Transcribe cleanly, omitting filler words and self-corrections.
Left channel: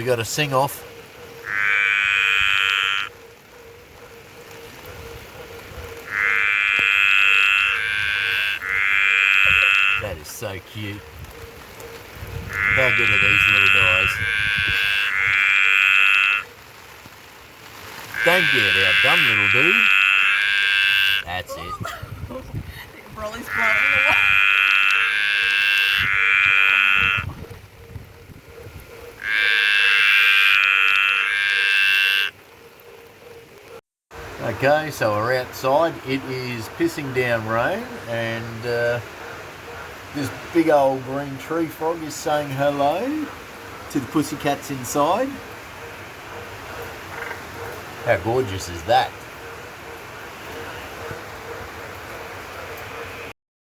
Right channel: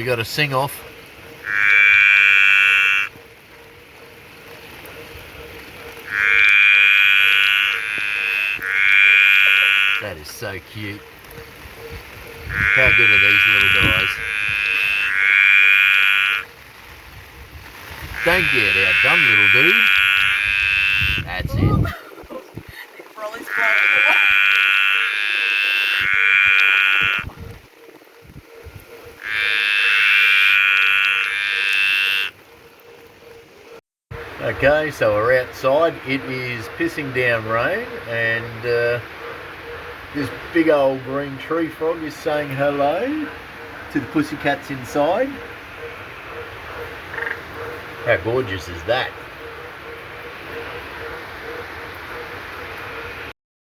We got a sing off. That is so cute. How good are these little guys? Don't get outdone, little dude. That's it. Broly's blowing away. Okay, so we're outside. It is pissing down rain, and this big old green tree frog is saying hello to the pussycats inside. How gorgeous is that?